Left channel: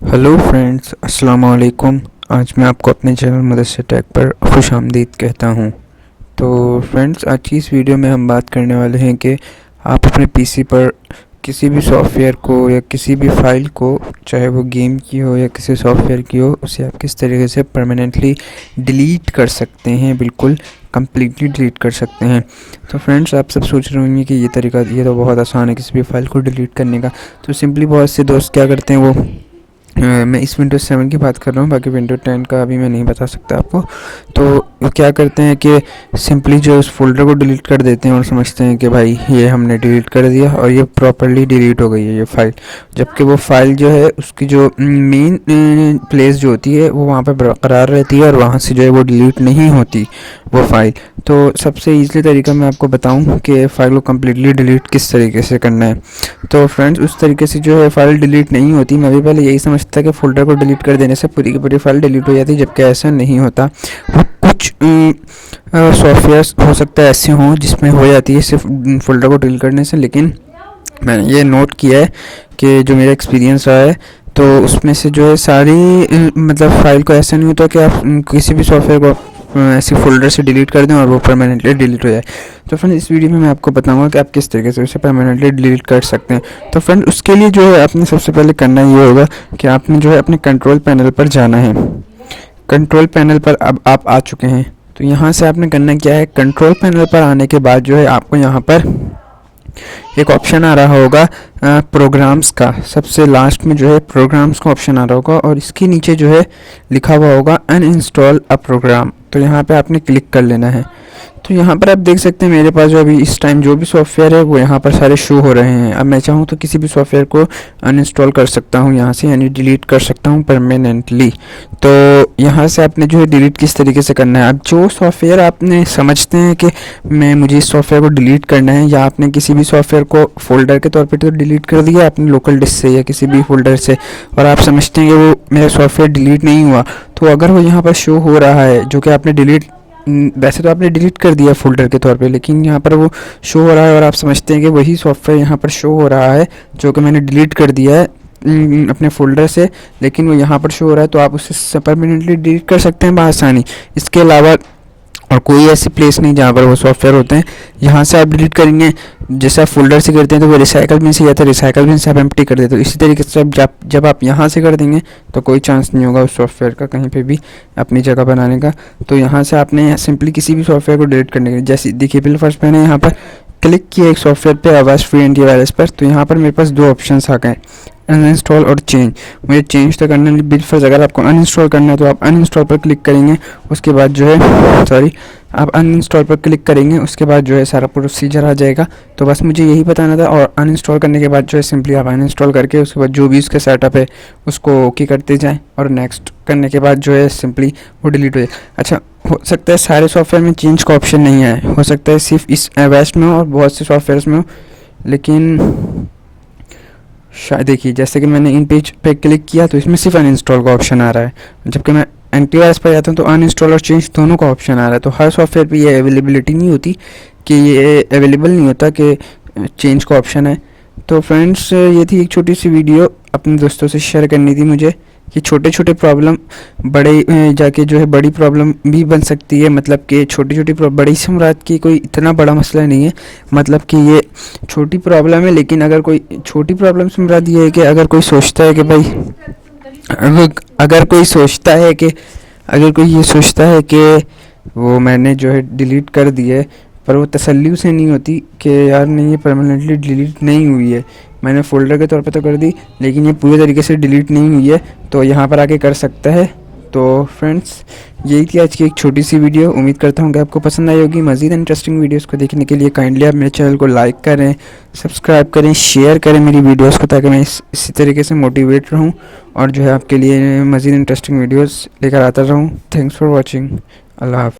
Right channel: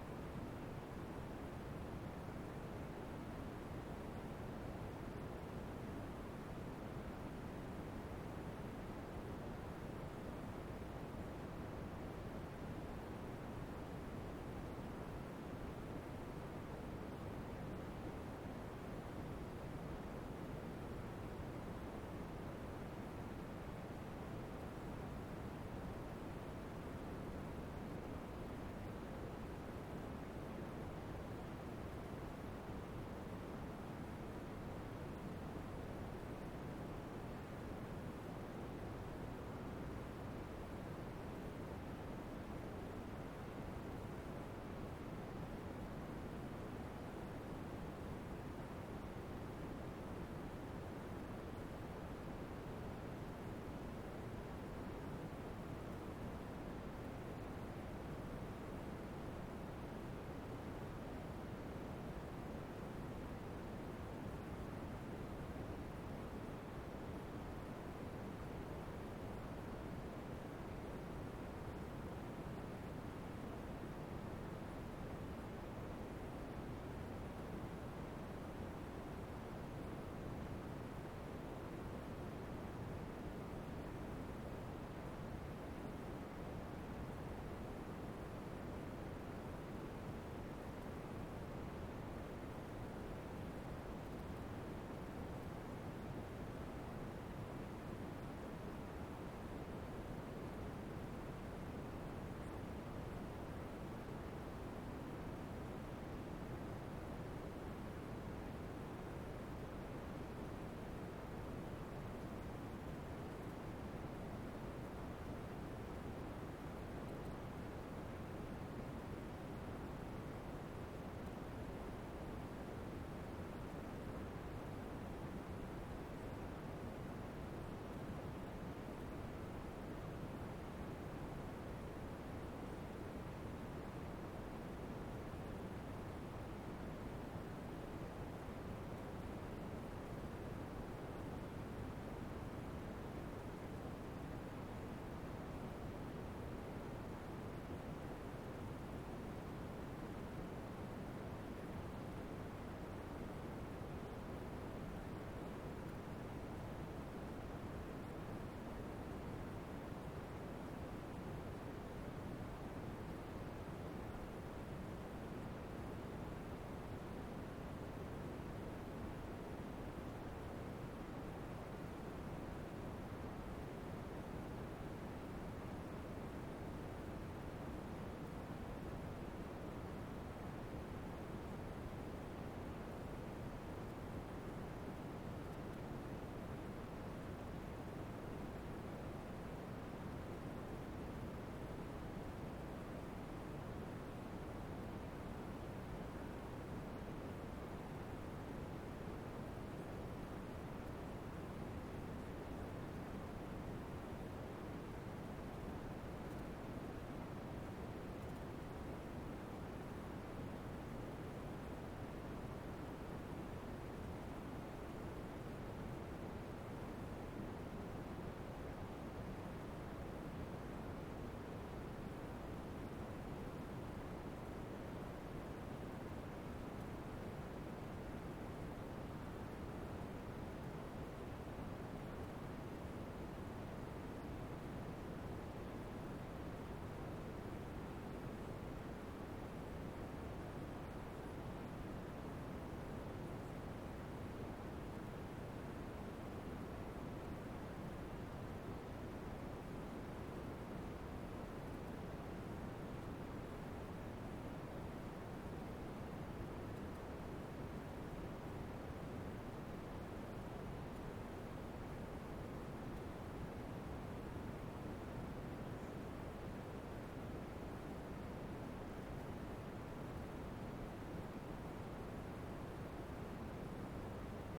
Hello friends, अस्सलाम वालेकुम। आज मैं आपको अपने चैनल मदरसे टेक पर खुश आमदीद कहता हूँ। तो फ्रेंड्स, आज की इस वीडियो में हम बात करने वाले हैं कि आप अपने पीसी पर किसी भी सॉफ़्टवेयर को या किसी भी फ़ाइल को, चाहे वो गेम की हो या किसी सॉफ़्टवेयर की हो, उसे आप किस तरीके से परमानेंटली डिलीट कर सकते हैं, बिल्कुल कम्प्लीटली डिलीट कर सकते हैं। तो फ्रेंड्स, आप सब सोच रहे होंगे कि ये तो बहुत आसान है किसी भी फ़ाइल को डिलीट करने का। तो सिंपली बहुत से दोस्त क्या करते हैं, वो मैं इस विंडोज़ 7 की बात कर रहा हूँ, बाकी विंडोज़ 10 का अभी मैं नहीं बता सकता आपको। तो वो क्या करते हैं कि सिंपली जो उस फ़ोल्डर को डिलीट कर देते हैं और समझते हैं कि भाई ये हमने डिलीट कर दिया और ये प्रॉपर्ली डिलीट हो गई है ये फ़ाइल। जबकि वो फ़ाइल जो है, उसकी जो मेन प्लेस जो होती है वो वहाँ पे बरकरार रहती है और वहाँ से जो है वो डिलीट नहीं होती वो फ़ाइल। तो सबसे ईज़िली तरीका मैं आपको बताऊँ कि फ़ाइल को कम्प्लीटली डिलीट किस तरीके से करना है। तो फ्रेंड्स, उस तरीके से जो है फ़ाइल डिलीट नहीं होती। मैं भी पहले यही समझता कि फ़ोल्डर को डिलीट कर देने से पूरी की पूरी फ़ाइल डिलीट हो जाती है, जबकि ऐसा नहीं होता। वो कुछ सॉफ्टवेयर्स हो सकता है ऐसे हों जिसमें हो जाती है सिर्फ फ़ोल्डर को डिलीट करने से, लेकिन मैंने ये नोट किया है कि जो मेरा एक्सपीरियंस रहा है, तो उसमें से जो है सारी मतलब फ़ाइल को ऐसा नहीं होता कि आप किसी भी सॉफ्टवेयर को ऐसे फ़ोल्डर से डिलीट कर दें और वो परमानेंटली डिलीट हो जाए। तो फ्रेंड, इस वीडियो में मैं आपको बताऊंगा कि आप किस तरीके से उसे परमानेंटली डिलीट कर सकते हैं। तो फ्रेंड, उसके लिए जो है आपने सबसे पहले करना ये होगा कि आपने जो है अपने कंट्रोल पैनल पर जाना है। कंट्रोल पैनल पर अब आप आ चुके हैं। तो यहाँ से आपने करना क्या है, कंट्रोल पैनल पर आने के बाद जो है आपको यहाँ पर एक ऑप्शन आ रहा होगा प्रोग्राम्स का। सबसे लास्ट में जो है प्रोग्राम्स का ऑप्शन आ रहा होगा और इसके नीचे जो है लिखा हुआ होगा अनइंस्टॉल अ प्रोग्राम। तो यहाँ पे आपने क्लिक कर लेना है। तो यहाँ पर आप देख सकते हैं मेरे पास जो अभी इस टाइम जो भी सॉफ्टवेयर है वो यहाँ पर सारे शो हो रहे हैं। अब मैं चाहूँ तो किसी भी सॉफ्टवेयर को अनइंस्टॉल कर सकता हूँ यहाँ से, यानी डिलीट कर सकता हूँ परमानेंटली। तो यहाँ से आपने जो है डिलीट किस तरीके से करना है, अब जो सॉफ्टवेयर आपने समझते हैं कि मुझे इस सॉफ्टवेयर को डिलीट करना है, या आपने किसी भी सॉफ्टवेयर को फ़ोल्डर के तौर पर तो डिलीट कर दिया अपने लोकल डिस्क से या किसी भी फ़ोल्डर से, और आप समझते हैं कि वो मेरा सॉफ्टवेयर डिलीट नहीं हुआ, तो अगर वो यहाँ पर शो हो रहा है जो कि आपने डिलीट, वैसे तो आपने डिलीट कर दिया फ़ोल्डर के तौर पे, लेकिन यहाँ पर वो शो हो रहा है और आप समझते हैं कि वही सॉफ्टवेयर यहाँ पर शो हो रहा है जो कि मैंने डिलीट कर दिया है अपने फ़ोल्डर से, लेकिन वो यहाँ पर शो हो रहा है, तो आप उसे परमानेंटली डिलीट कर सकते हैं बआसानी। इसके अलावा और कोई ऐसी प्लेस नहीं जहाँ पर वो सॉफ्टवेयर होते हैं। यहाँ से आप डिलीट करेंगे, जैसे आप फ़ोल्डर से करते हैं तो वो रिसाइकल बिन से जाता है, रिसाइकल बिन से आप एम्प्टी कर देते हो। इसी तरीके से जब आप यहाँ से कर देंगे तो कोई चांस नहीं होगा उस सॉफ्टवेयर का कहीं पे भी अपनी जगह बनाने का। तो यहाँ से आपने सिंपली किसी भी सॉफ्टवेयर को डिलीट करने के लिए, जैसे देखिए बिल फर्स्ट मैंने यहाँ पर क्लिक किया एक सॉफ्टवेयर पे, आवाज़ फ्री एंटीवायरस पर, तो यहाँ पर मेरे पास दो ऑप्शंस आ गए, अनइंस्टॉल और चेंज। मुझे चेंज तो करना है बिल फर्स्ट, अगर आपको अनइंस्टॉल करना है तो आप अनइंस्टॉल पर क्लिक करेंगे। उसके बाद जो है आप अनइंस्टॉल पर क्लिक करेंगे, उसके बाद जो है सारा प्रोसीजर आ जाएगा। तो बस मुझे यही बताना था, और अनइंस्टॉल करने के बाद जो है सिंपली आप अनइंस्टॉल करके उसके बाद जो भी उसका सेटअप है उसको ओके करते जाएं, और नेक्स्ट करने के बाद जो है सिंपली वो डिलीट हो जाए। अच्छा, हो सकता है सारे सॉफ्टवेयर में चेंज का ऑप्शन नहीं आए, हो सकता है सिर्फ इस वेस्ट में हो और बहुत से सॉफ्टवेयर्स में हो, लेकिन शायद देखिए जैसे कि मैंने इन पेज पे क्लिक किया तो इसमें सिर्फ अनइंस्टॉल का ऑप्शन आ रहा है, जबकि मैं एंटीवायरस पर जाता हूँ तो अनइंस्टॉल और चेंज दोनों का ऑप्शन आ रहा है। तो हर सॉफ्टवेयर पे ये अवेलेबिलिटी नहीं होती कि ये अवेलेबल नहीं होता कि चेंज का ऑप्शन है। तो फ्रेंड्स, ये थी एक छोटी सी वीडियो, अपने दोस्तों से शेयर करनी थी मुझे कि छोटे छोटे प्रॉब्लम बड़े जाके जो है बड़ी प्रॉब्लम भी बन सकती है। मतलब कि छोटी छोटी बड़ी से मुराद की कोई इतना बड़ा मसला नहीं है, मतलब कि ये छोटी प्रॉब्लम है, लेकिन अगर कोई छोटी प्रॉब्लम से मुराद ये है कि अगर कोई सोचता है कि भाई अगर कोई सोचता है कि अगर कोई ये सोचता है कि वो मैंने जो है डिलीट कर दिए, पर वो तसल्ली उसे नहीं होती कि यार नहीं, ये परमानेंटली डिलीट नहीं हुई है, मैंने फ़ोल्डर के तौर पे तो कर दी लेकिन ये पूरे तरीके से डिलीट नहीं हुई है, तो यहाँ पर आके कर सकता है। तो फ्रेंड्स, यही थी आज की एक छोटी सी वीडियो। उम्मीद करता हूँ कि आपको पसंद आई होगी। मज़ीद इंटरेस्टिंग वीडियोस को देखने के लिए काइंडली आप मेरे चैनल को लाइक करें, सब्सक्राइब करें, शेयर करें मेरी वीडियोस को, ताकि मैं इसी तरीके से मोटिवेट रहूँ और जो है आपके लिए मज़ीद इंटरेस्टिंग वीडियोस लेकर आता रहूँ। Thanks for watching. अल्लाह हाफ़िज़।